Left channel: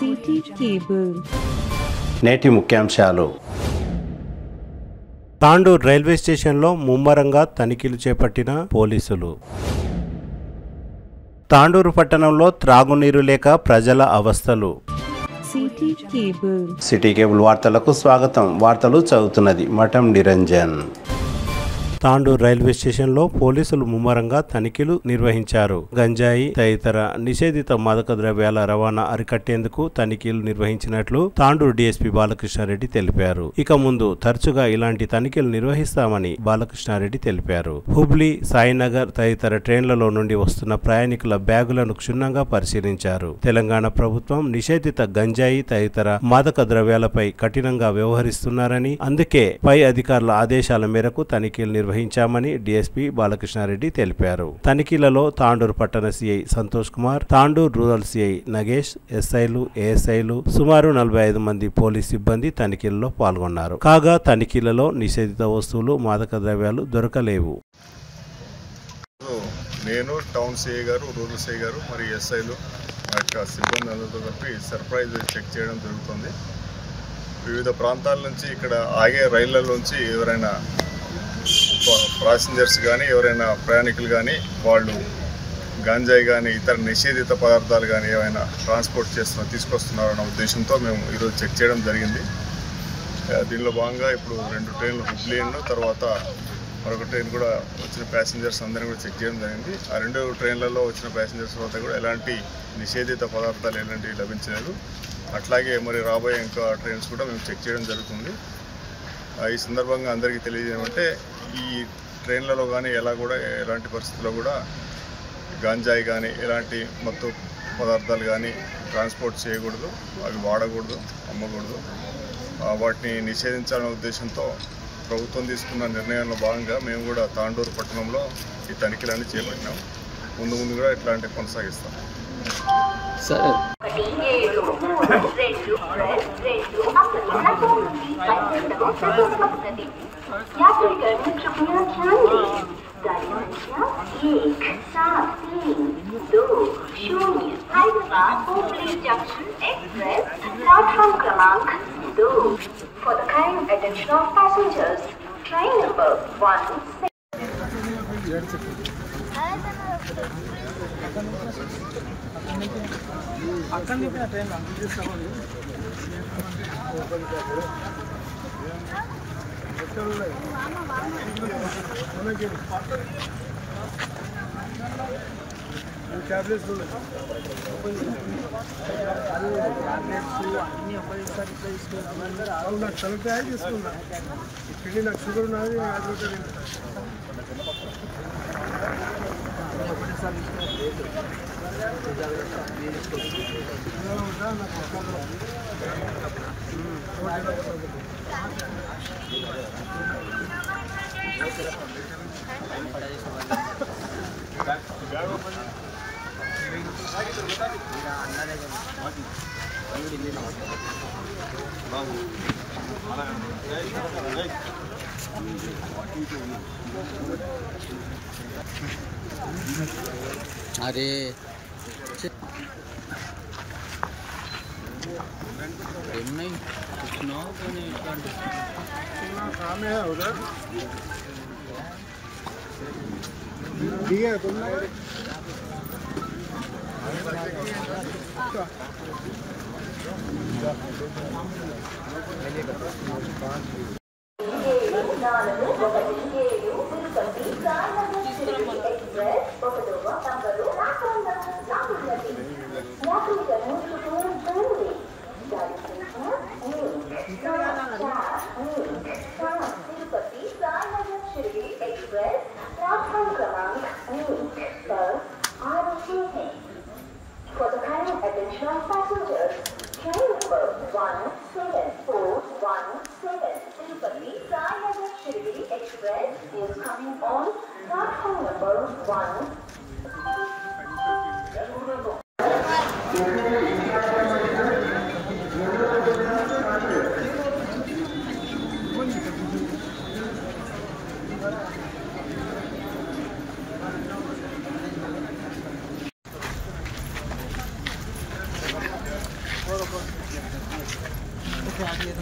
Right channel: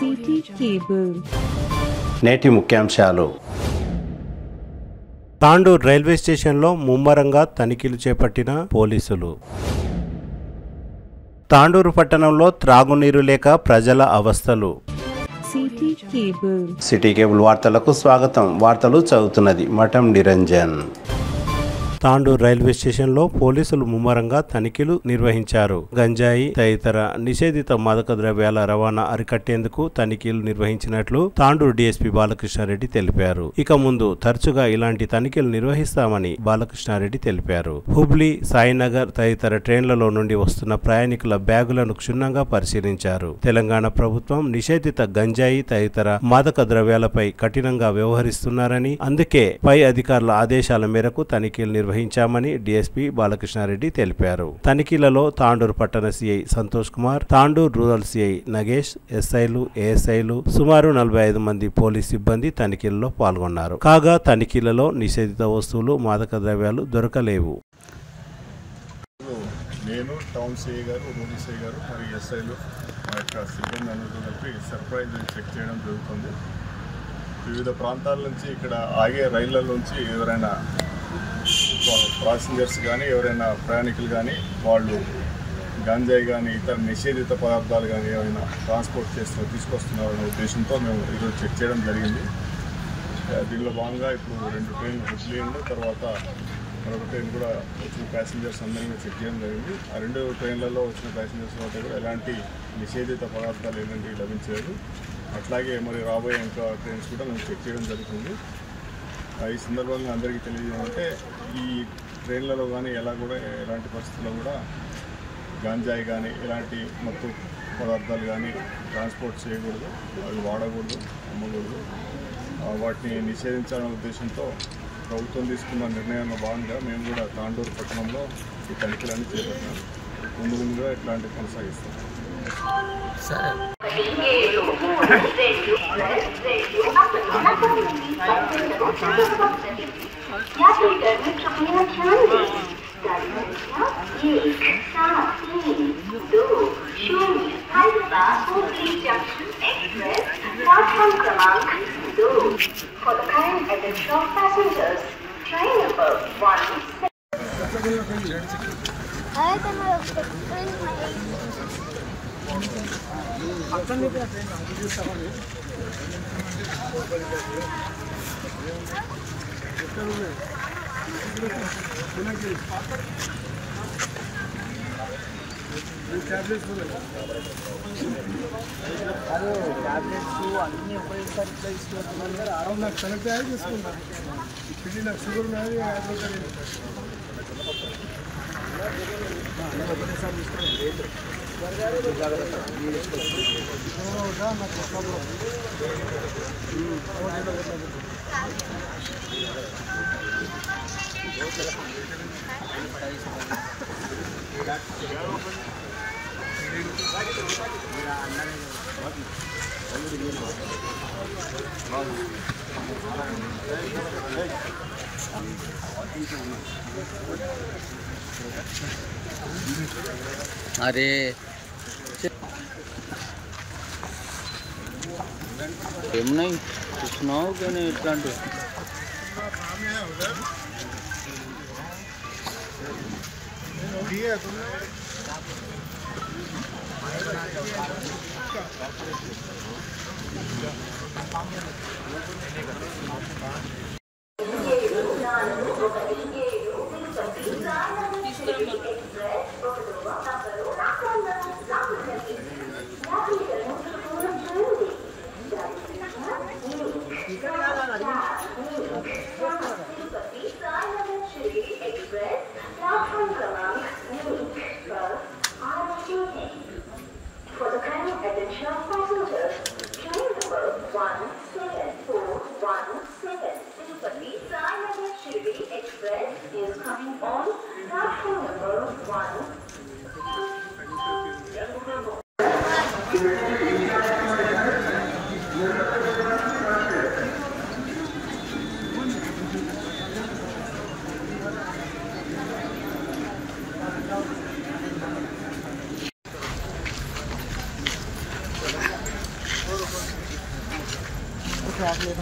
City cable. నేటి ముఖ్యాంశాలు. Tandur railway స్టేషన్లో ముమ్మరంగా తనిఖీలు చేపట్టిన పోలీసులు. తాండూరు పట్టణంలో త్రాగునీరు లేక ప్రజల అవస్థలు. సిటీ కేబుల్ వార్తలకు స్వాగతం. వార్తలు చదువుతున్నది మఠం నిరంజన్. తాండూర్ రైల్వే స్టేషన్లో పోలీసులు ముమ్మరంగా తనిఖీలు నిర్వహించారు. గంజాయి తదితర నిషేధిత మాదక ద్రవ్యాల రవాణా అరికట్టేందుకు తనిఖీలు నిర్వహించినట్లు తాండూరు డీఎస్పీ బాలకృష్ణారెడ్డి తెలిపారు. ఇక ముందు తరచుగా ఇలాంటి తనిఖీలు నిర్వహిస్తామని బాలకృష్ణారెడ్డి తెలిపారు. హుబ్లీ, సాయినగర్ తదితర ట్రైన్లలో నుండి వస్తున్న ప్రయాణికుల బ్యాగులను క్షుణ్ణంగా పరిశీలించారు. తెలంగాణ ప్రభుత్వం నిషేధిత గంజాయి తదితర మాదక ద్రవ్యాలపై కఠినంగా వ్యవహరిస్తున్నారని, అందుకే పై అధికారుల ఆదేశాల మేరకు తనిఖీలు నిర్వహించామని డీఎస్పీ బాలకృష్ణారెడ్డి తెలిపారు. తనిఖీలలో తాండూరు పట్టణ CI Santosh Kumar, Tandur rural CI Nagesh, ఎస్ఐలు, ఏఎస్ఐలు, సుమారు 45 మంది పోలీస్ సిబ్బంది తనిఖీలలో పాల్గొన్నారు. కాగా తనిఖీలలో నిషేధిత వస్తువులు, మాదక ద్రవ్యాలు దొరకలేవు. నేను టౌన్ సిఐ గారు, రూరల్ సిఐ గారు మరియు ఎస్ఐలు మా యొక్క సిబ్బంది అందరితో కలిపి సర్ప్రైజ్ చెక్ చేయడం జరుగుతుంది. వివిధ ప్రాంతాల నుంచి ఇక్కడ ఆగే రైళ్లలోంచి ఎవరైనా ప్యాసింజర్స్ కానీ ఎవరైనా ప్రయాణికులు కానీ వాళ్ళు గాంజాయి కానీ ఇతర నిషేధిత పదార్థాలు కానీ ఏమైనా ట్రాన్స్పోర్ట్ తీసుకొస్తున్నారన్న ఉద్దేశంతో మేము ఈరోజు చెక్ చేయడం జరిగింది. దీనిలో భాగంగా ఇప్పుడు 2 ట్రైన్లు హుబ్లీ తర్వాత మరొక ట్రైన్ కూడా వచ్చిన ప్యాసింజర్స్ అందరినీ కూడా చెక్ చేయడం జరిగింది. ఆ 2 ట్రైన్లలో వచ్చిన ప్యాసింజర్స్ వద్ద కూడా ఎలాంటి నిషేధిత పదార్థాలు ఎలాంటివి లభించలేదు. అట్లాగే మరి రాబోయే ఇంకా ట్రైన్స్ కూడా మేము చెక్ చేయడం జరుగుతుంది. ఈ సందర్భంగా అందరికీ తెలియజేయమంటే ఈ ట్రైన్లలో కానీ ఎలాంటి పరిస్థితుల్లో కూడా గాంజాయి కానీ ఎలాంటి మత్తు పదార్థాలు కానీ ట్రాన్స్పోర్ట్ చేయకూడదు, అవి వాడకూడదు, అమ్మకూడదు. వాటిని నిషేధించాలనే ఉద్దేశంతో ప్రభుత్వం తీసుకున్న నిర్ణయంలో భాగంగా మేము కూడా తాండూరు పట్టణంలో ఈ తనిఖీలన్నీ చేపట్టినాం. ముందు కూడా ఇట్లాంటివి కొనసాగిస్తాం. For the kind attention of passengers, train number 1. నాకు కనెక్ట్ అయ్యి తీసుకున్నా. ఇప్పుడు నాకు షుగర్ ఉన్నది. अरे नहीं सुनाओ क्यों नहीं इतना सामने है उधर ठीक है तुमने For the kind attention of passengers, train number 17417 Tirupati Sainagar Shirdi Express is coming on platform number 1. गाड़ी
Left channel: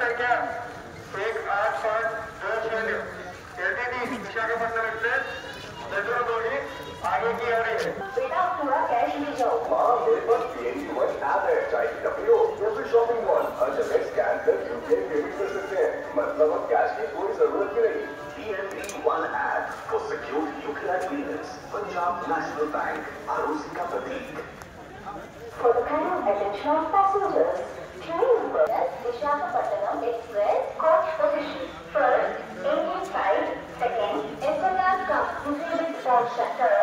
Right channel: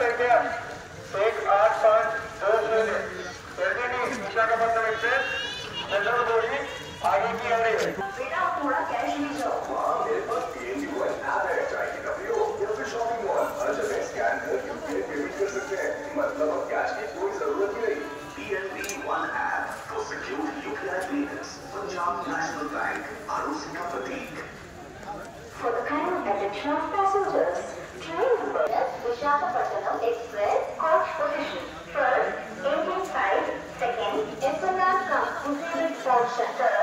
संख्या 1850 एलटीडी विशाखापट्टनम एक्सप्रेस जनरल जोड़ी आगे की आ रही है। बेटा आप थोड़ा कैश ले जाओ। हाँ मेरे पास PNUR ऐप है, चाहिए ना प्रयोग कोई शॉपिंग मॉल हर जगह स्कैन करके पेमेंट कर सकते हैं, मतलब अब कैश की कोई जरूरत नहीं। PNB1 app for secured UPI payments, Punjab National Bank, ROC का प्रतीक। For the kind of attention of passengers, train number Visakhapatnam Express coach position. First, engine side. Second, SLR from disabled side shutter.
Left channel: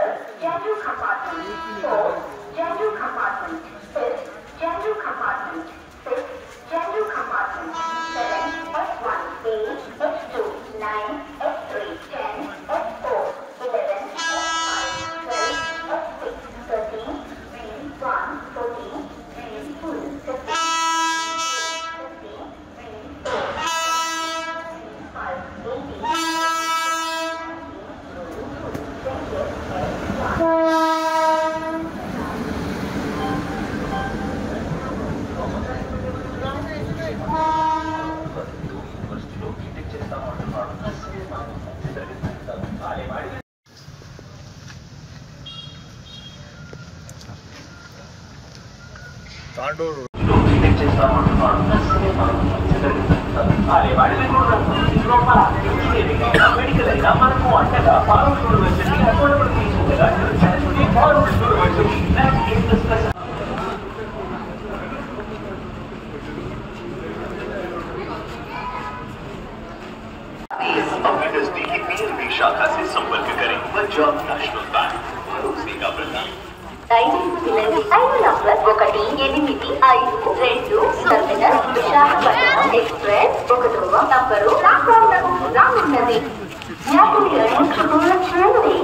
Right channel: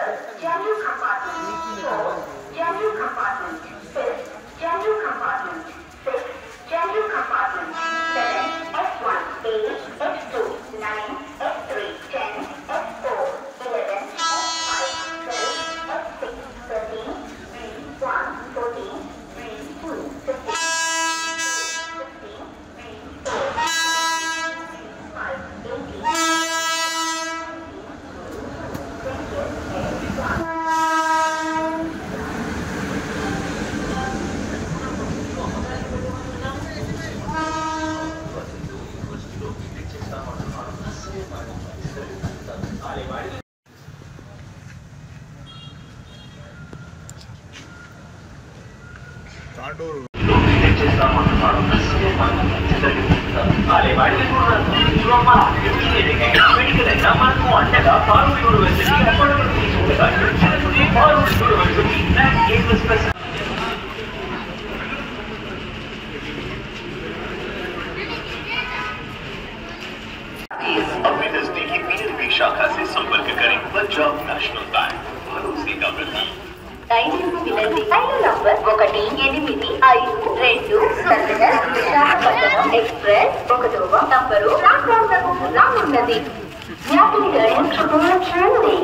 General compartment. Fourth, general compartment. Fifth, general compartment. Sixth, general compartment. 7, F1, 8, F2, 9, F3, 10, F4, 11, F5, 12, F6, 13, 1, 14, 2, 15, 16, 4, 5, 18, Tandur अपने नजदीकी PNB शाखा से संपर्क करें। Punjab national bank, भरोसे का प्रतीक। 5 number 18552 Visakhapatnam express 1వ నంబరు ప్లాట్ఫామ్లో ఉన్నది. యాత్రికులను శుభ్రం చేయండి.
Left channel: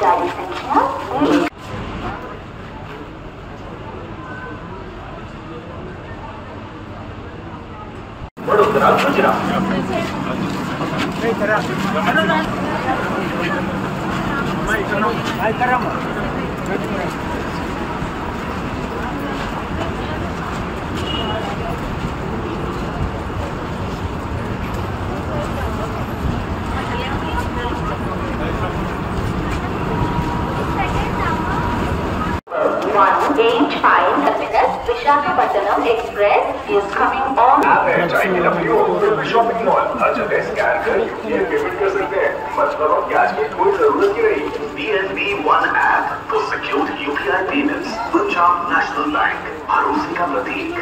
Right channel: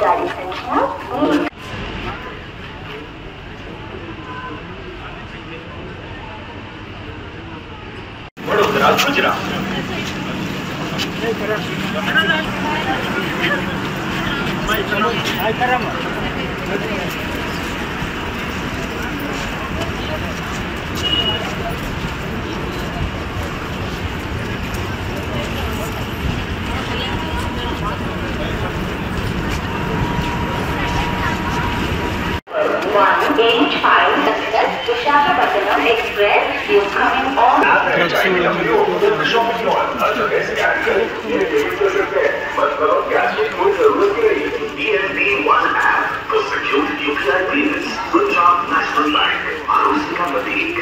గాడి సంఖ్య Vadodara Gujarat. Visakhapatnam Express is coming on. Shopping mall हर जगह स्कैन करके पेमेंट कर सकते हैं, मतलब अब कैश की कोई जरूरत ही नहीं। PNB1 app for secured UPI payments, Punjab national bank, भरोसे का प्रतीक।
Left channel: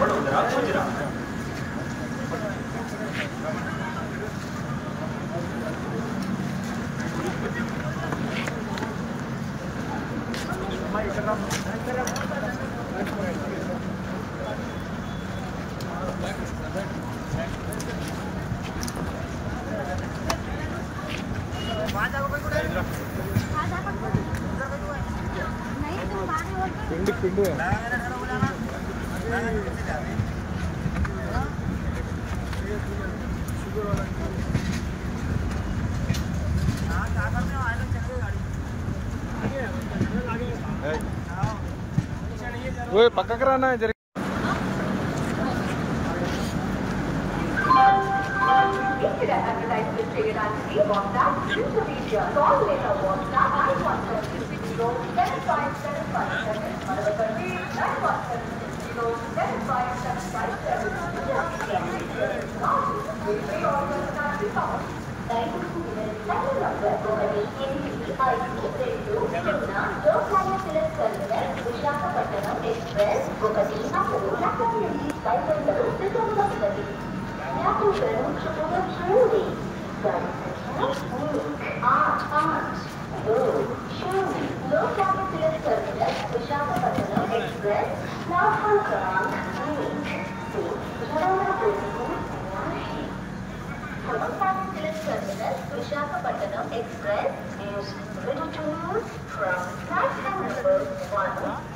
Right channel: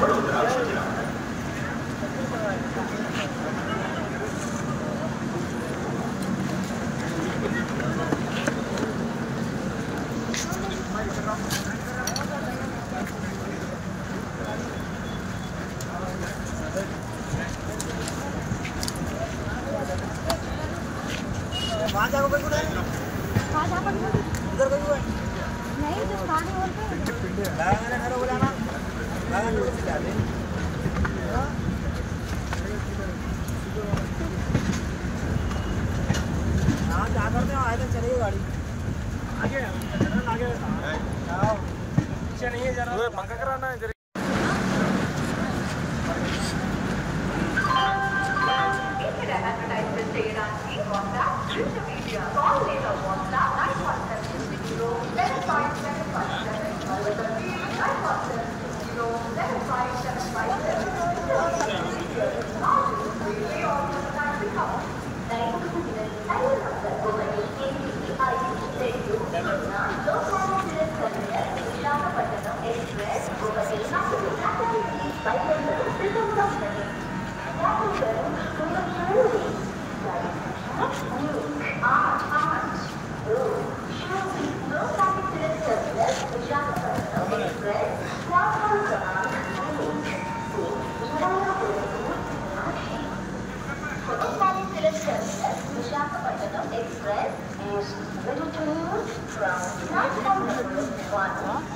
वडोदरा गुजरात। पक्का कराना है। Visakhapatnam Chettanam Express is ready to move from platform number 1.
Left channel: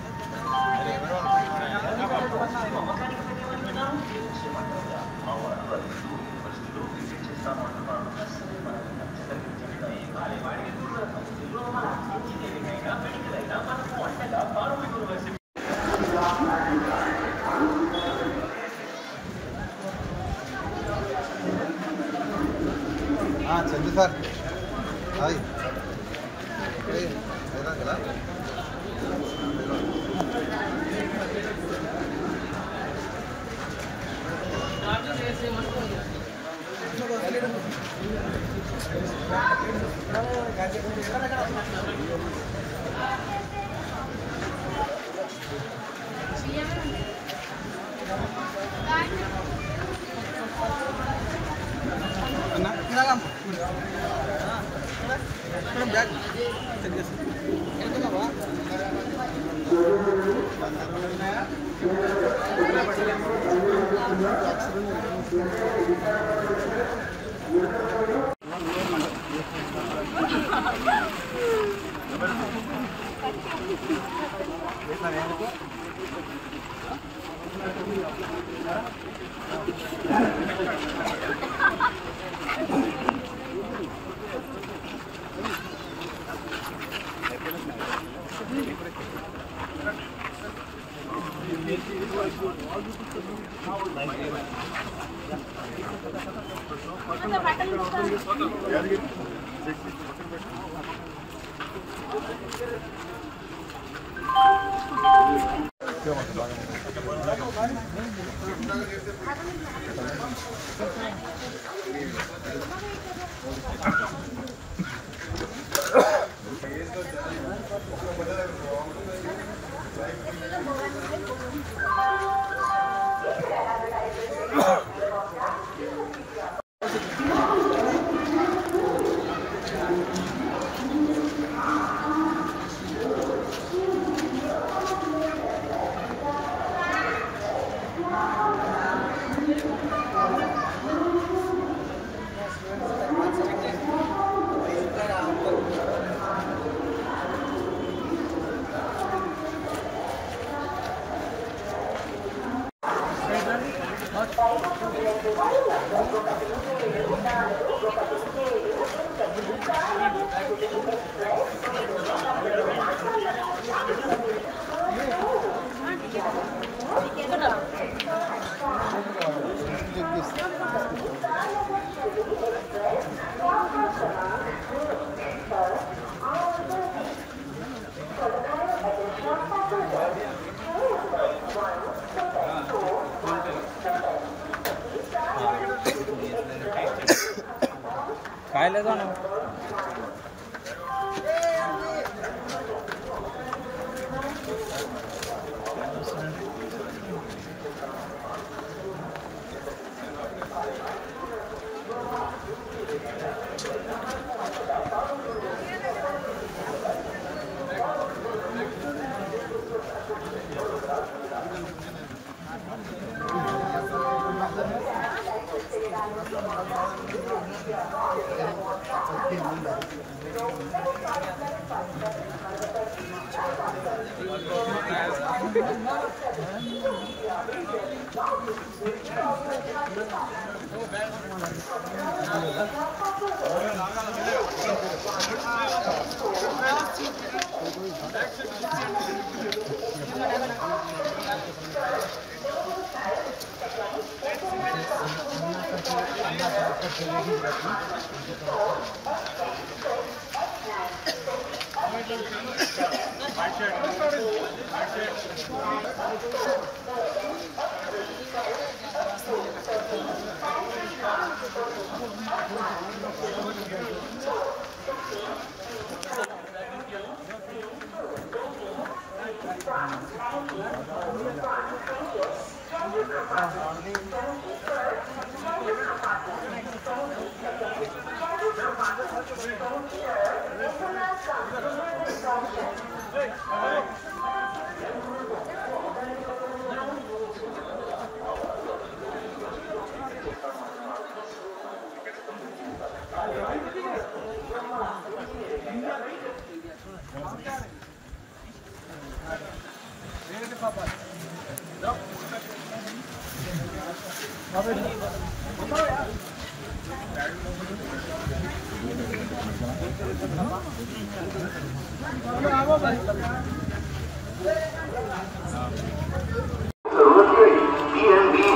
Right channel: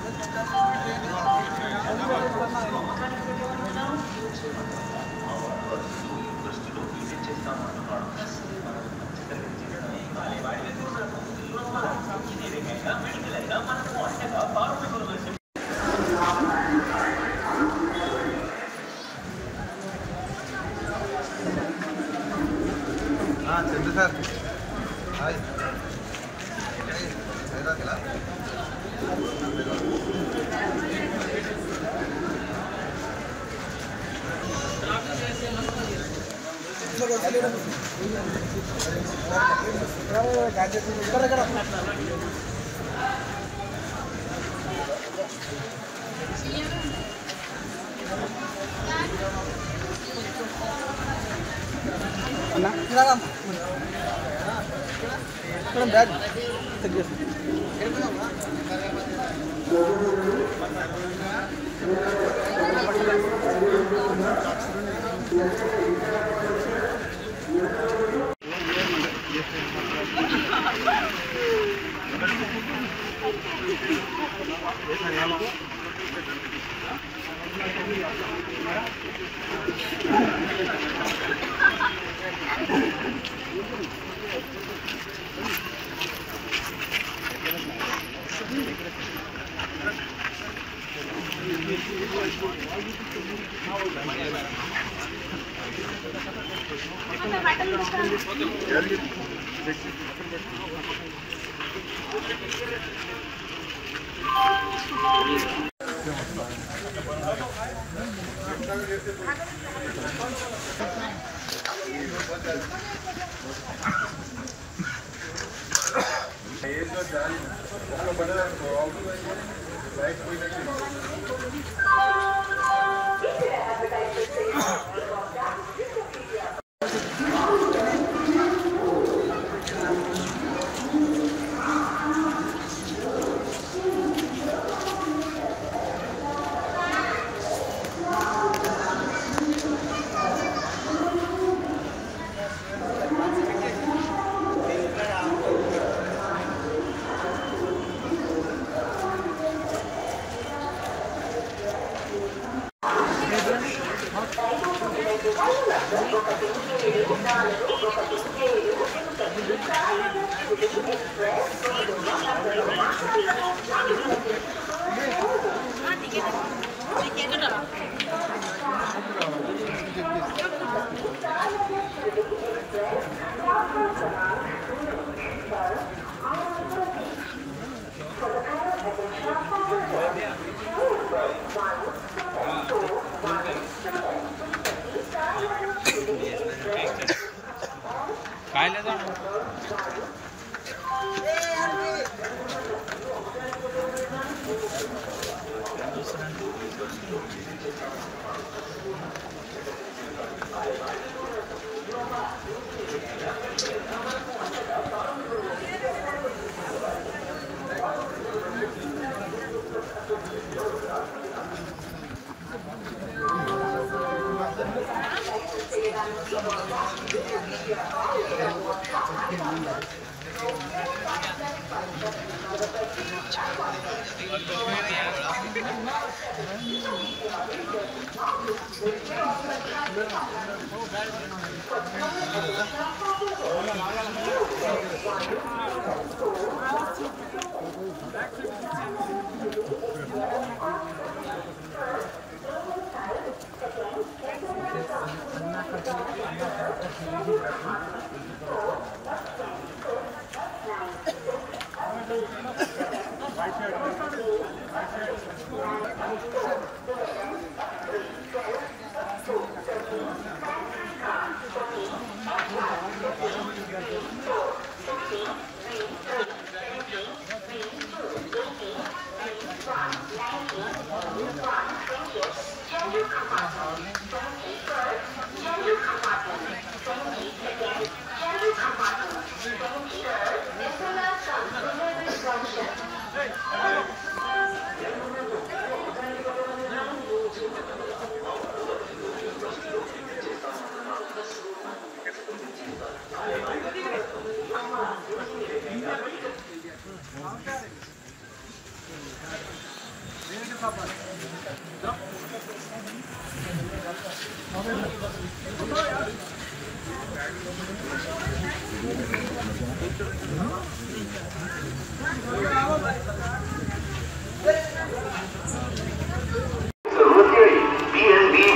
PNB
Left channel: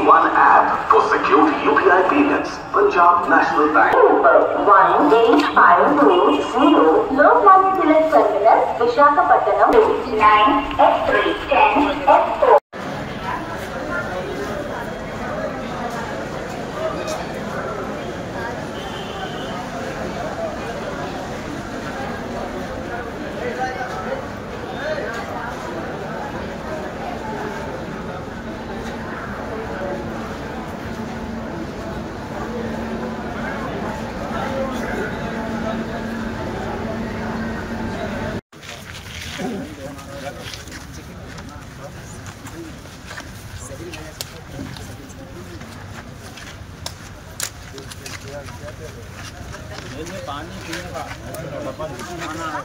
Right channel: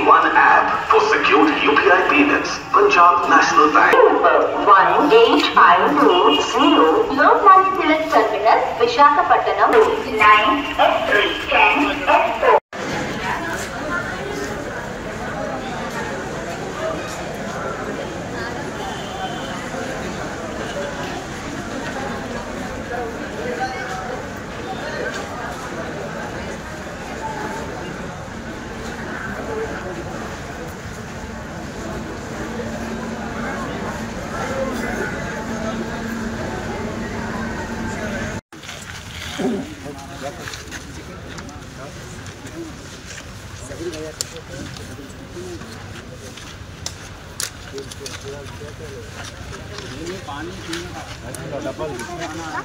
One app for secured UPI payments. Punjab National Bank. 1850 Lokmanya Tilak Terminus, Visakhapatnam. 9F310F4. पानी पीने का खाना है।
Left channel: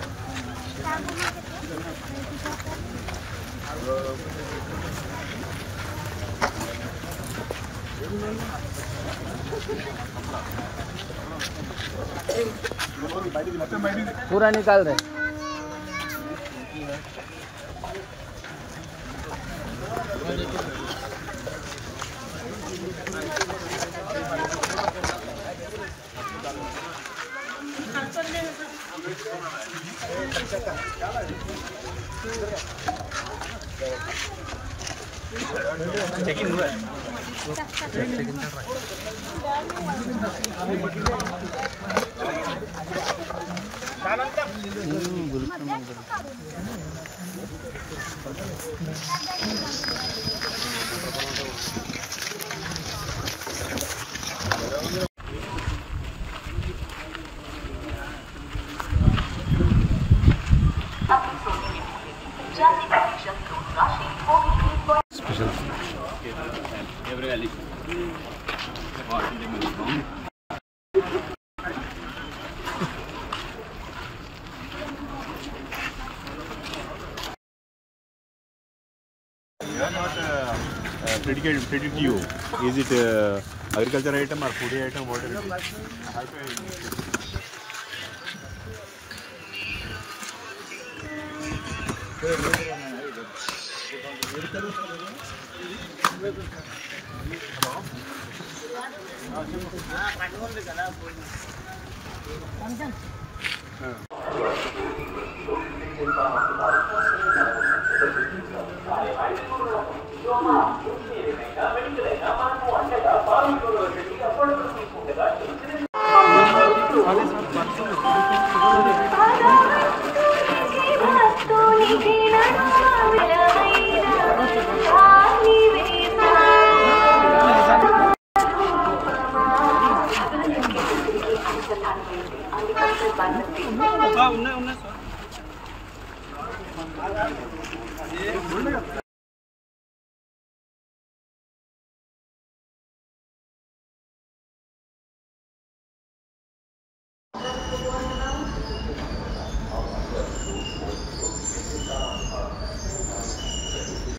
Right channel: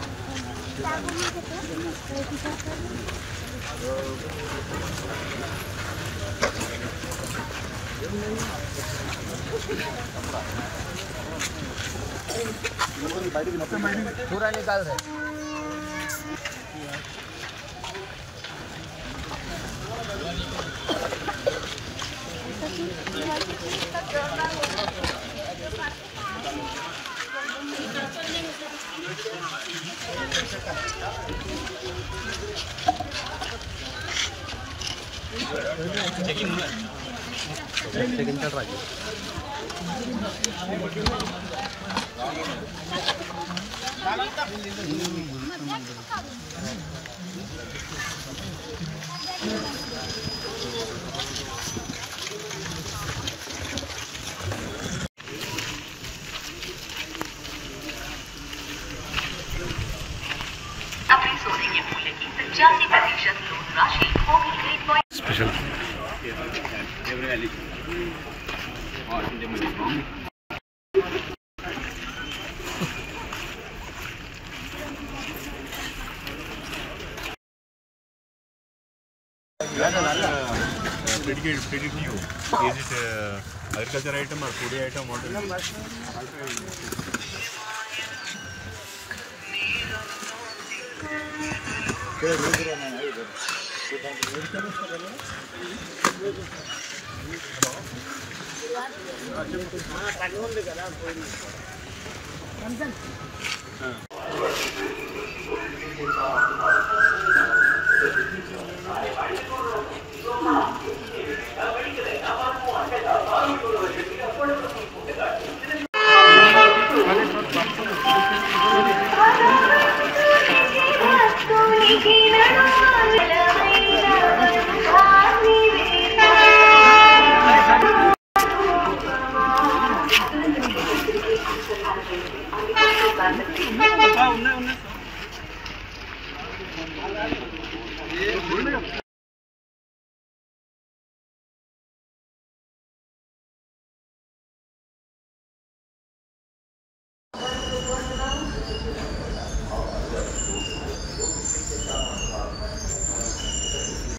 पूरा निकाल दे। अपने सोने के मूल्य की 85% लोन राशि होगी 8. Special Credit you. Is it agriculture item or food item? What is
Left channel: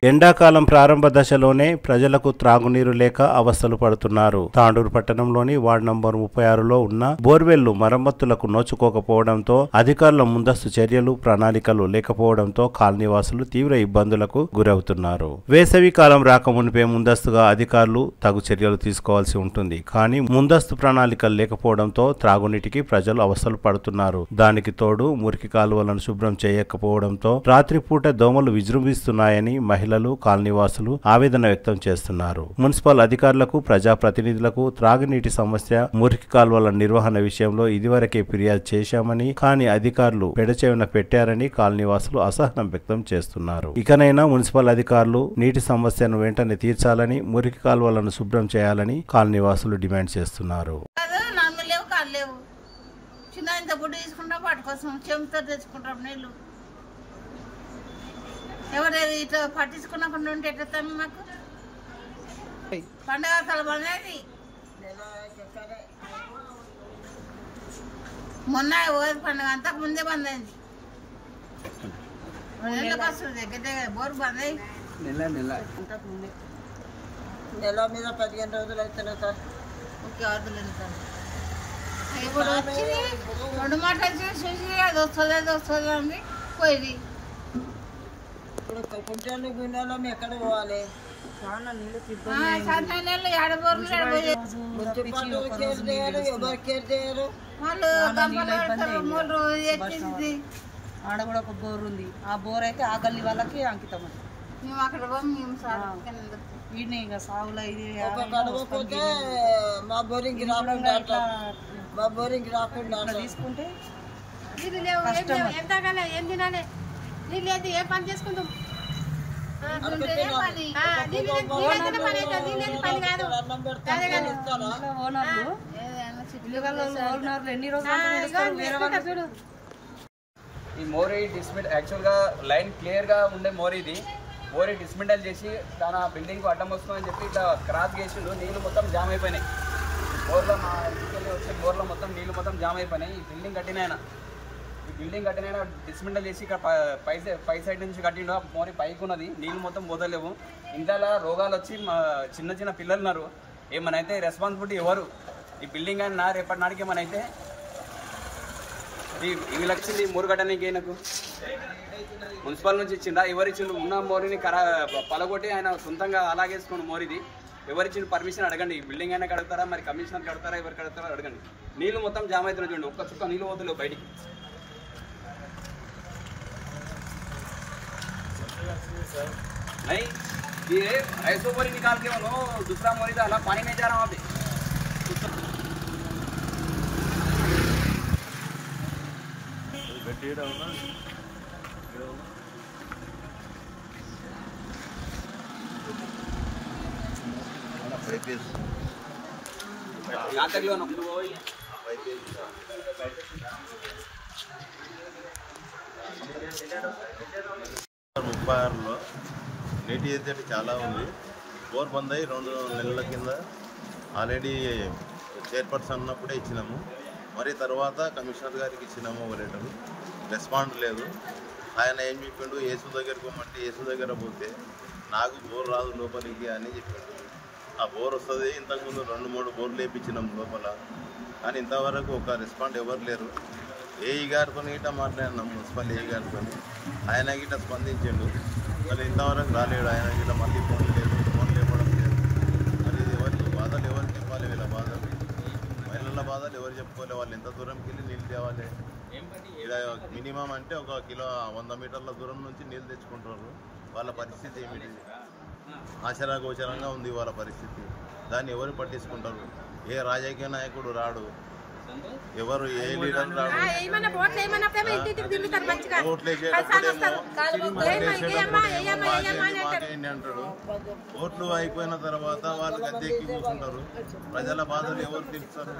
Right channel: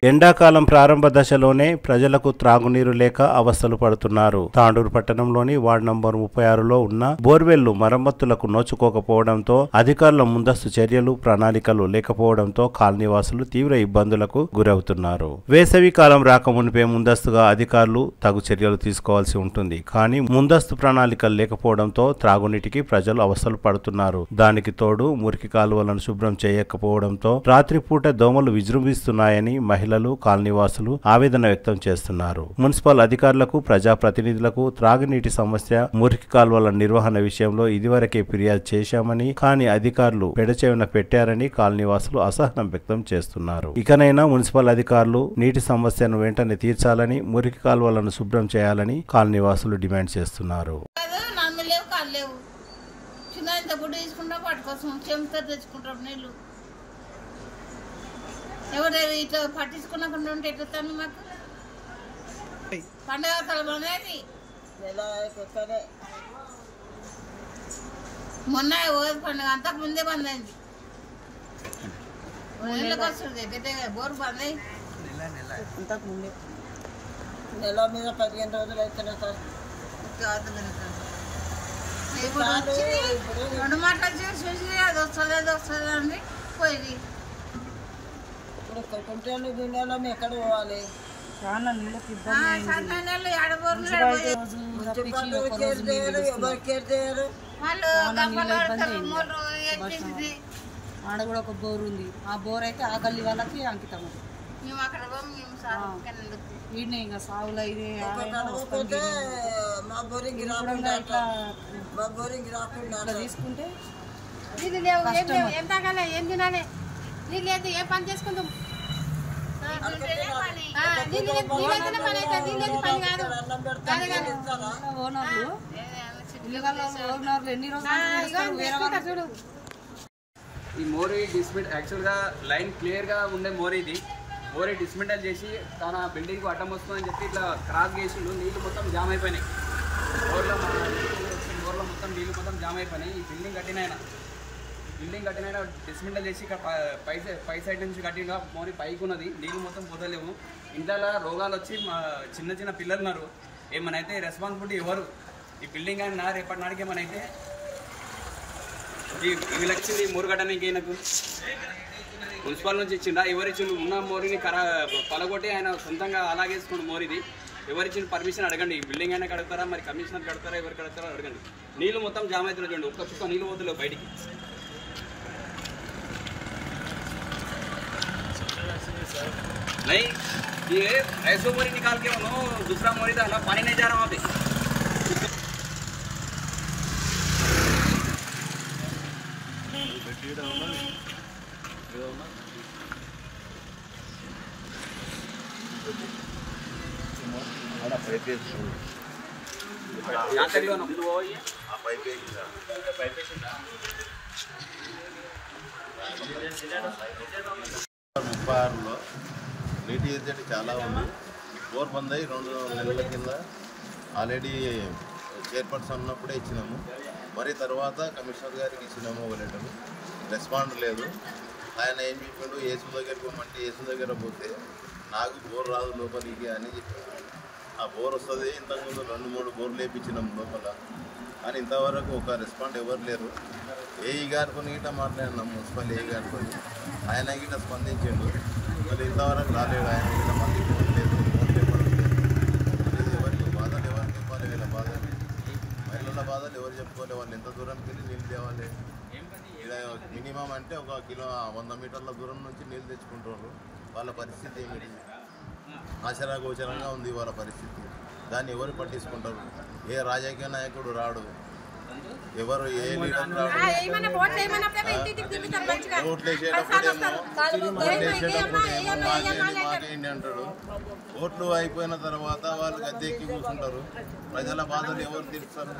ఎండాకాలం ప్రారంభ దశలోనే ప్రజలకు త్రాగునీరు లేక అవస్థలు పడుతున్నారు. తాండూరు పట్టణంలోని వార్డు నంబర్ 36లో ఉన్న బోర్వెల్లు మరమ్మతులకు నోచుకోకపోవడంతో అధికారుల ముందస్తు చర్యలు ప్రణాళికలు లేకపోవడంతో కాలనీవాసులు తీవ్ర ఇబ్బందులకు గురవుతున్నారు. వేసవి కాలం రాకమునిపే ముందస్తుగా అధికారులు తగు చర్యలు తీసుకోవాల్సి ఉంటుంది. కానీ ముందస్తు ప్రణాళికలు లేకపోవడంతో త్రాగునీటికి ప్రజలు అవస్థలు పడుతున్నారు. దానికి తోడు మురికి కాలువలను శుభ్రం చేయకపోవడంతో రాత్రిపూట దోమలు విజృంభిస్తున్నాయని మహిళలు కాలనీవాసులు ఆవేదన వ్యక్తం చేస్తున్నారు. మున్సిపల్ అధికారులకు ప్రజాప్రతినిధులకు త్రాగునీటి సమస్య మురికి కాలువల నిర్వహణ విషయంలో ఇదివరకే ఫిర్యాదు చేశామని, కానీ అధికారులు పెడచెవిన పెట్టారని కాలనీవాసులు అసహనం వ్యక్తం చేస్తున్నారు. ఇకనైనా మున్సిపల్ అధికారులు నీటి సమస్యను వెంటనే తీర్చాలని, మురికి కాలువలను శుభ్రం చేయాలని కాలనీవాసులు డిమాండ్ చేస్తున్నారు. ఎవరు ఇట్లా పట్టించుకున్నకుండా ఉంటే ఎట్లా మాకు పండుగ తలబడేది మొన్న ఓది పండుగ అంతకు ముందే బంద్ అయింది. నెలకు వస్తుంది దగ్గర దగ్గర బోరు బంద్ అయ్యి నెల మీద 15 రోజులు అవుతున్నాయి సార్. ఇప్పుడు రెండు మాటలు చూసి అది వస్తుంది అని పోయింది. ఇప్పుడు కుంటాను గుండాలో ఎక్కడ పోవాలి? చాలా నీళ్ళు ఆడ కూడా ఒక బోర్ ఉంది. ఆ బోర్ అయితే ఆ గల్లీ వాళ్ళకి అంకితం. అది వీడిని ఇంకా సాగులో ఇది ఇట్లా తీసుకుంటే ఏం తాగాలి, ఏం తినాలి, నీళ్ళు లేదు, ఏం పని చేసుకుంటాం. నీళ్ళైతేనే పని అవుతుంది, నీళ్ళు పని కాదు. ఓనర్లు ఎన్ని రోజులు చూడు. ఈ మోరీ డిస్మెంట్ యాక్చువల్గా లైన్ క్లియర్గా ఉండే మోరీ ఇది. మోరీ డిస్మెంటల్ చేసి తన బిల్డింగ్కి అడ్డం వస్తుందని చెప్పి ఇట్లా క్రాస్ చేసిండు. నీళ్ళు మొత్తం జామ్ అయిపోయినాయి. బోర్లో మా ఇంటికి వచ్చే బోర్లో మొత్తం నీళ్ళు మొత్తం జామ్ అయిపోయినాయి. ఈ బిల్డింగ్ కట్టినైనా డిస్మెంటల్ చేసి ఇక్కడ పై సైడ్ నుంచి కట్టిండు. మోరీ పైకి ఉన్నది, నీళ్ళు మొత్తం పోతలేవు. ఇంట్లో రోగాలు వచ్చి చిన్న చిన్న పిల్లలు ఉన్నారు. ఏమనైతే రెస్పాన్సిబిలిటీ ఎవరు? ఈ బిల్డింగ్ అయినా రేపటి నాటికి ఏమనైతే వీళ్ళు వచ్చింది మోరు కట్టడానికి ఆయనకు మున్సిపల్ నుంచి ఇచ్చిండా? ఎవరిచ్చిండు? ఉన్న మోరీని పలగొట్టి ఆయన సొంతంగా అలాగేసుకున్న మోరీది. ఎవరిచ్చిన పర్మిషన్ అడగండి. ఈ బిల్డింగ్ అయినా కడుగుతారా, మరి కమిషనర్ కడతారా, ఎవరు కడతారా అడగండి. నీళ్ళు మొత్తం జామ్ అవుతున్నాయి చూడండి. ఒక్క చుక్క నీళ్ళు పోతలేవు బయటికి. नहीं ये ऐसो मोरी निकाल के लो, दूसरा मोरी डाला, पानी नहीं जा रहा वहाँ पे. यहाँ तक 36లో నీటి ఎద్దడి చాలా ఉంది. బోర్ బంద్ అయ్యి 2 నెలల కింద ఆల్రెడీ చైర్పర్సన్ ఉన్నప్పుడే ఇచ్చినాము. మరి తర్వాత కమిషనర్ గారికి ఇచ్చినాము ఒక లెటరు, రెస్పాండ్ లేదు. ఆయన ఏం చెప్పిండు, యేసు దగ్గరికి పోమంటే యేసు దగ్గర పోతే నాకు బోర్ రాదు లోపలికి అని చెప్పిండు. ఆ బోర్ వస్తుంది. ఇంతకుముందు 2-3 బోర్లు వేయించినాం లోపల, కానీ ఇంతవరకు ఒక రెస్పాండ్ ఎవరు లేరు. ఏఈ గారితో గిట్ట మాట్లాడినాం, మున్సిపల్ ఏఈ గారితో. ఆయన గిట్ట స్పందించిండు, మళ్ళీ ఇంతవరకు రాలేడు. ఆయన గిట్ట మళ్ళీ ఫోన్ లేదు, ఫోన్ లేపడం లేదు. మరి ఎవరికి బాధలు ఎవరికి చెప్పాలి? వీళ్ళ బాధలు, మహిళల బాధలు ఎవరు చెప్పుకోవాలి? వాళ్ళు ఎంత దూరంకి వెళ్ళి నీళ్ళు తేవాలి? ఇక్కడ మినిమం అంటే 1 కిలో 100 మీటర్ల దూరం నుంచి నీళ్ళు తెచ్చుకుంటారు. వాళ్ళ పరిస్థితి ఏమిటి? ఆశ్చర్యగోచరంగా ఉంది వాళ్ళ పరిస్థితి. దాన్ని ఎవరు పట్టించుకుంటారు? ఏ రాజకీయ నాయకుడు రాడు, ఎవరు ఏ లీడర్ రాడు. ఓట్లు వేసేటప్పుడేమో మాకేంటి అంటాడు. ఓట్లు అయిపోయిన తర్వాత వాళ్ళు గద్దెక్కి కూర్చుంటారు. ప్రజల బాధలు ఎవరు తీరుస్తారు?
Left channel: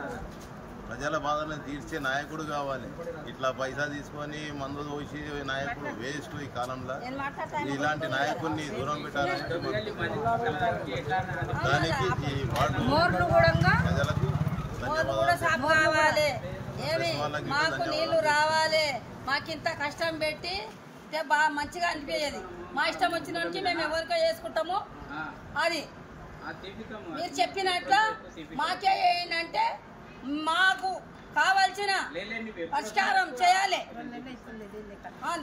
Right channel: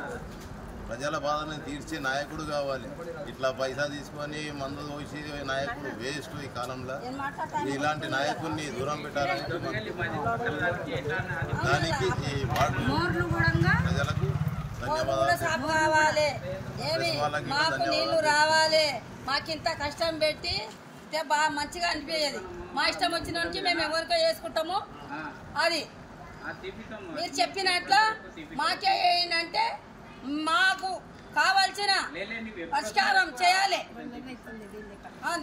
ప్రజల బాధలను తీర్చే నాయకుడు కావాలి. ఇట్లా పైసా తీసుకొని మందు పోసి నాయకుడు వేస్ట్ ఈ కాలంలో. ఇలాంటి నాయకుడిని దూరం పెట్టాలని దానికి ఈ వార్డు ప్రజలకు కావాలి. ఏమి మాకు నీళ్లు రావాలి. మాకింత కష్టం పెట్టి బాగా మంచిగా అనిపించేది. మా ఇష్టం వచ్చినకి మేము ఎవరికో చేసుకుంటాము. అది మీరు చెప్పినట్లు మాకే ఏంటంటే మాకు కావాల్సిన పరిష్కారం చేయాలి.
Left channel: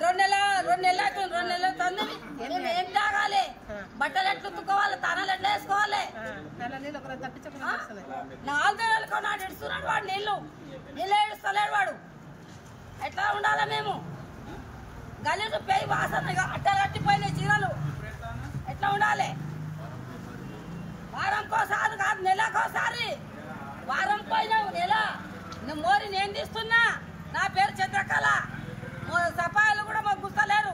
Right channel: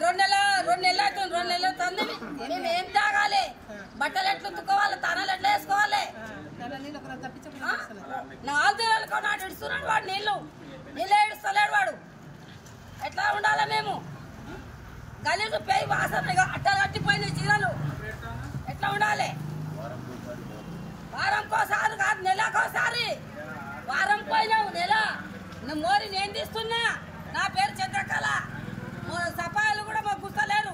2 నెలలు తండ్రి మేము ఏం తాగాలి? బట్టలు ఎట్లు ఉతుక్కోవాలి? తానాలు ఎట్లా వేసుకోవాలి? 4 నెలలకు నాటి ఇడుస్తున్నాడు వాడు. నీళ్ళు ఇడుస్తలేడు వాడు. ఎట్లా ఉండాలి మేము? గలీజు పేయి వాసన అట్టలు కట్టిపోయిన చీరలు ఎట్లా ఉండాలి? వారంకోసారి కాదు, నెలకోసారి. వారం పోయినావు, నెల మోరి నేను తీస్తున్నా. నా పేరు చంద్రకళ. సఫాయిలు కూడా మాకు గుర్తలేరు.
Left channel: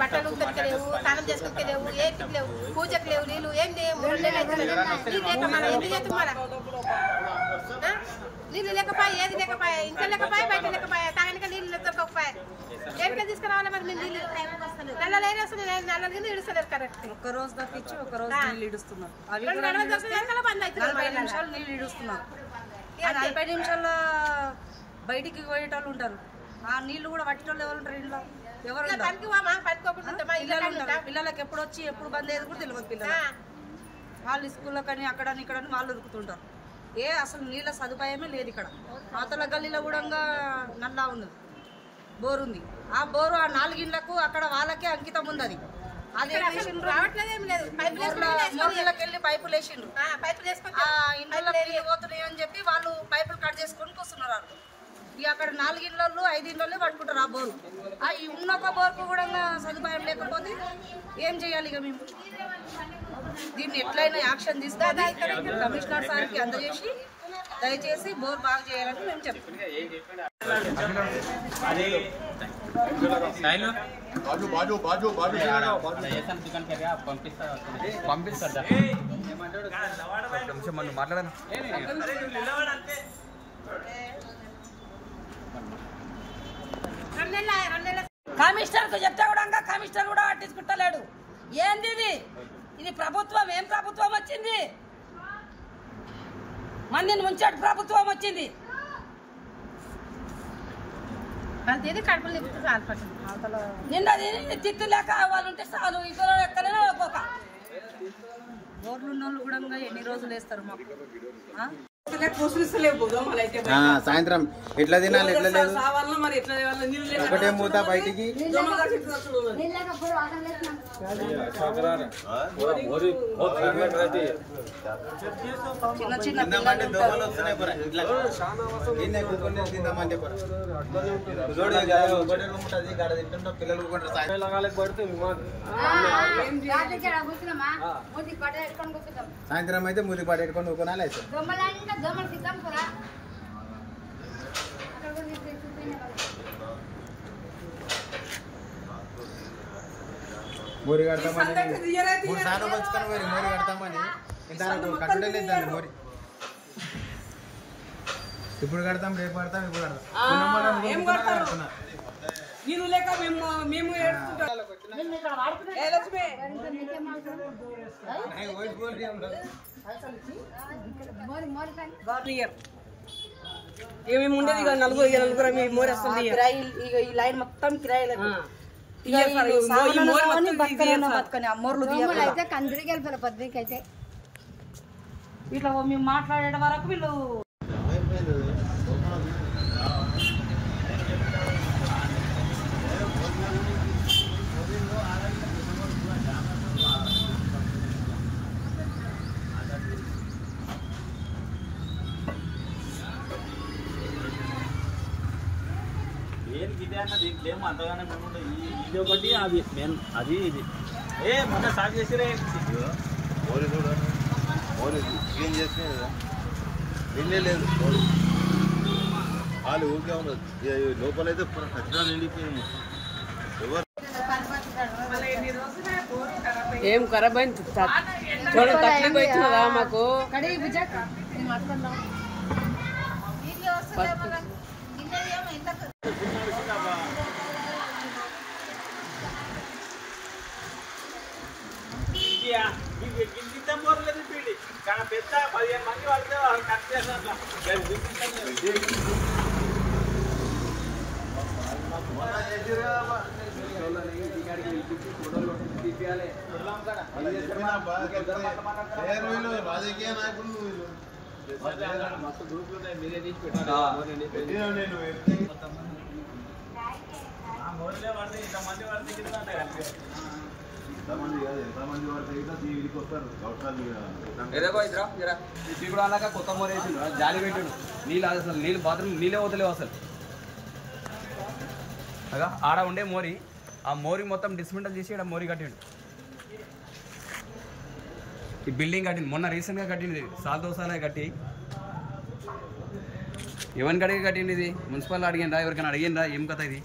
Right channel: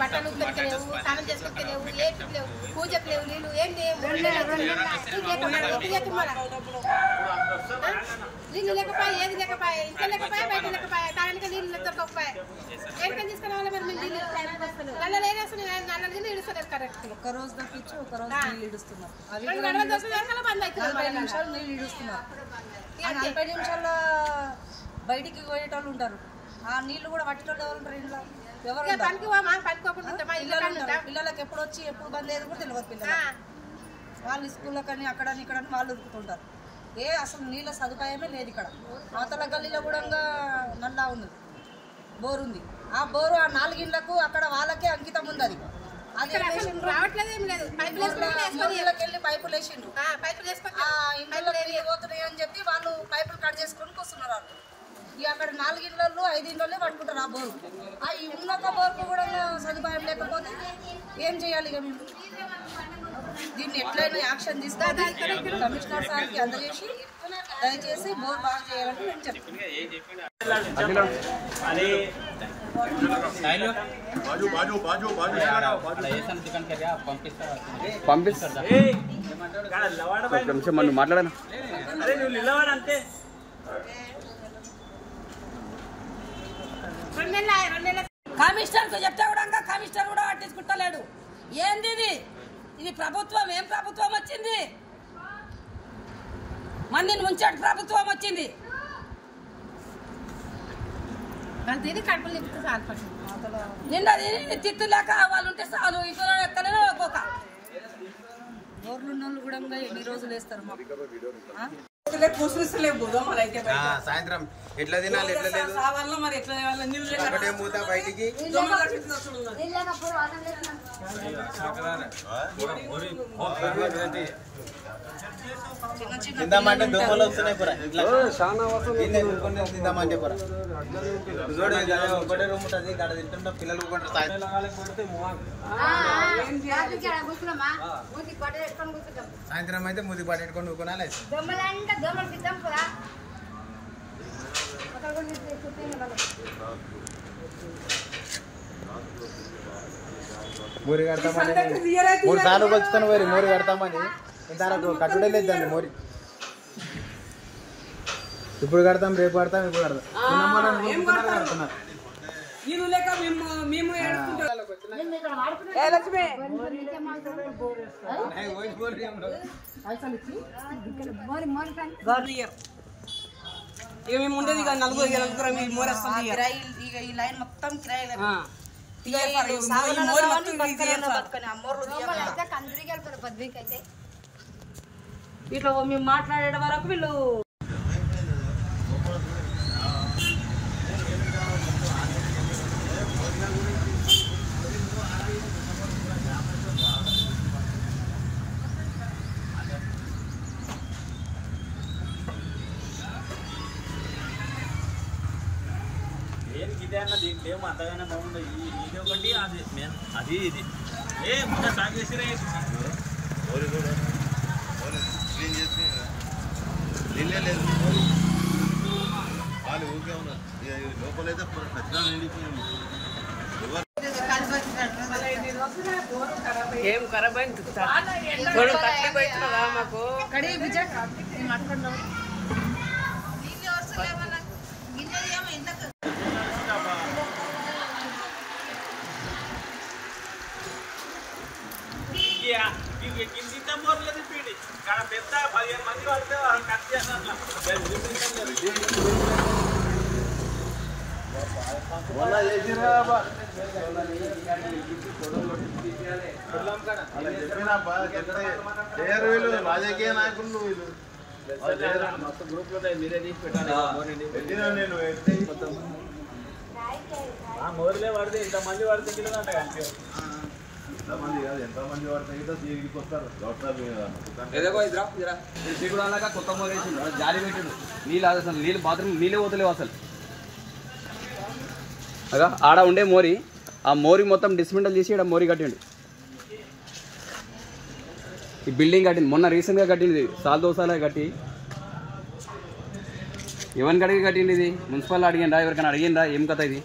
బట్టలు ఉత్తరికలేవు, స్నానం చేసుకోలేవు, ఏటికి లేవు, పూజకు లేవు, నీళ్ళు ఏం నీళ్ళు లేకపోయా, ఏది లేకపోయా, ఇంట్లో లేకపోయా, బయట లేకపోయా, తాగనిక నీళ్ళు దొరకకపోయా. ఏడికని తీసుకురావాలి మరి మేము నీళ్ళు? నల్లలు ఏరేస్తున్నాయి, నల్లలు కింద ఇడుస్తలేదు కరెక్ట్. ఒక రోజు తప్పించి ఒక రోజు నీళ్ళు ఇడుస్తున్నారు. 2 గంటల దొరకదు బంద్ అవుతుంది. 40 నిమిషాలు నీళ్ళు ఇడుస్తున్నారు. 40 నిమిషాల్లో బయటికి పోయేటోళ్ళు ఉంటారు. ఆ నీళ్లు కూడా పట్టేటోళ్ళు ఎవరు ఉంటారు ఇంట్లో? ఎవరు పిల్లలకి ఎప్పుడు వచ్చి ఎప్పుడు బంద్ అయ్యేది కూడా తెలియదు. పిల్లలు వాళ్ళు స్కూల్లో కానీ అక్కడని ఇక్కడని వాళ్ళు ఉరుకుతుంటారు. అసలు నీళ్ళ సదుపాయమే లేదు ఇక్కడ. అవతల గల్లీలో కూడా నల్లా ఉన్నది, బోరు ఉంది. ఆ బోరు ఆ 4 ఇండ్లకు అక్కడ వాళ్ళకే అంకితం ఉంది. అది వెళ్ళి పైపులు వేసిండ్రు. ఇంట్లో నీళ్ళు పోతున్నాయి అని చెప్పి వాళ్ళు పైపులు కట్ చేసుకొని వస్తున్నారు. అక్కడ 4 ఇండ్లలో 5 ఇండ్లలో పట్టుకుంటారు ఆ బోరు. ఈ ఉన్నొక్క బోరుకు కూడా సదుపాయం లేకపోతే ఏం చేయాలి? ఇక మేము దీన్ని ఎట్లయినా యాక్షన్ తీసుకోవాలి. కమిషనర్ సార్కి అందజేసి దయచేసి బోర్ బాగా చేయాలని మేము చెప్తున్నాం. మాట్లాడాను కమిషనర్ కు చెప్తే కూడా కమిషనర్ కూడా పట్టించుకుంటలేడు. ఏంది ఇది ప్రభుత్వం? ఏం ప్రభుత్వం వచ్చింది? మందిని ముంచాడు ప్రభుత్వం వచ్చింది. నిన్న తిట్టు లేక వాళ్ళు ఉంటే చాలు. ఇక్కడ ఎక్కడైనా ఒక్కొక్క గవర్నమెంట్ కూడా ఎన్ని రోజులు వేస్తారు మాకు. సాయంత్రం ఎట్లా తినాలి, ఎట్లా లేదు ఒకటే మూత బయటికి. తిందామంటే దోమలు వస్తున్నాయి పూరా ఇంట్లో. తిందామంటే పూరా ఒకటే రూమ్ ఉంటుంది, ఇక్కడ తింటున్నా పిల్లలు సాయంత్రం అయితే మూతి పాట పెట్టుకొని ఊరుకోనాలి. మోరి కడతామని 3 సార్లు వచ్చుకొని పోయి మోరి కడతామని ఇంతవరకు కట్టుడే లేదు దాన్ని మోరి. ఇప్పుడు కడతాం, రేపు కడతాం, ఇప్పుడు కడతాం. నేను లేక మేము ఏడుకుంటాం. మేము ఉండేది నలుగురు మోరి వస్తుంది. ఈ లైన్ మొత్తం కిరాయిలు ఇట్లా మేము మాట్లాడే వరకు వీళ్ళు దీంట్లో అంతగానే బాగుంటుంది. ఇది ఒకటి అది అది ఇది మొన్న స్టార్ట్ చేసిరే మోరి కూడా మోరి క్లీన్ చేసుకుని నిన్నే లేదు మోరి వాళ్ళు ఊరికే ఉన్నారు. లోపలైతే ఖచ్చితంగా నిండిపోయాము. ఏం ఖరాబ్ అయింది మాకు కింద మోర్లేదు పీడి కానీ పెద్ద 15 మంది వాళ్ళతో కట్ చేస్తారు. రాజకీయ నాయకులు వీళ్ళు మొత్తం గ్రూప్ లో మీరే తీసి పెట్టాలి. నేను మోర్లే వాడితే ఇంతమంది వాడితే ఎంతమంది వాడితే దీనికి వస్తారు. కొత్త మోర్ వేసిండు, జాలి పెట్టిండు. నీళ్ళు అసలు నీళ్ళు బాత్రూమ్ నీళ్ళే పోతలేవు అసలు. ఆడ ఉండే మోరి, ఆ మోరి మొత్తం డిస్మెంటల్ తీసి ఇక్కడ మోరి కట్టిండు. ఈ బిల్డింగ్ కట్టింది మొన్న రీసెంట్గా కట్టింది. సాల్ దోసాలే కట్టి ఎవరికి అడిగి కట్టింది? ఇది మున్సిపల్ అడిగిందా? ఎవరికైనా అడిగిందా? ఏం కథ ఇది?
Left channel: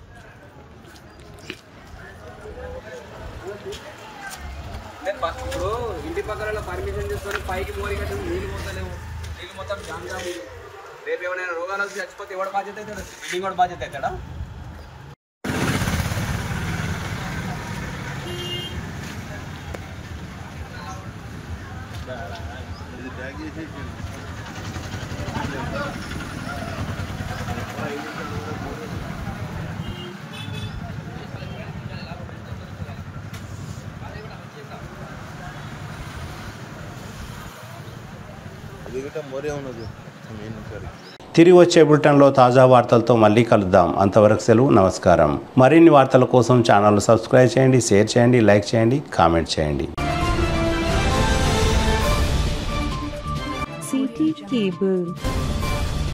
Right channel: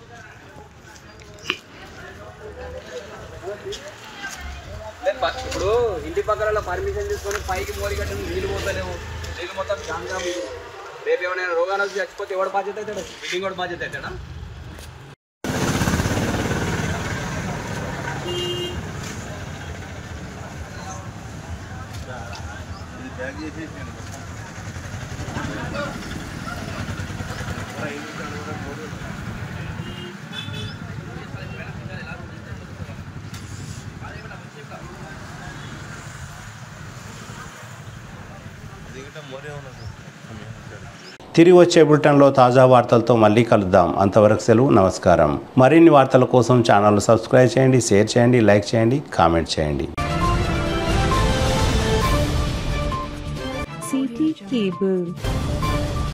ఇప్పుడు ఇంటి పక్కన పర్మిషన్ తీసుకొని పైకి మోరి కట్టింది, నీళ్ళు పోతలేవు. నీళ్ళు మొత్తం జాంగా ఉంది. రేపు ఏమైనా రోగాలు వచ్చి చచ్చిపోతే ఎవడు బాధ్యత అవుతాడు? బిల్డింగ్ కూడా బాధ్యత అవుతాడా? బ్యాగ్ చేసేసాను. ఇంకా మోరే ఉన్నది. తిరిగి వచ్చే బులెటిన్లో తాజా వార్తలతో మళ్ళీ కలుద్దాం. అంతవరకు సెలవు, నమస్కారం. మరిన్ని వార్తల కోసం ఛానల్ సబ్స్క్రైబ్ చేయండి, షేర్ చేయండి, లైక్ చేయండి, కామెంట్ చేయండి. CT Cable.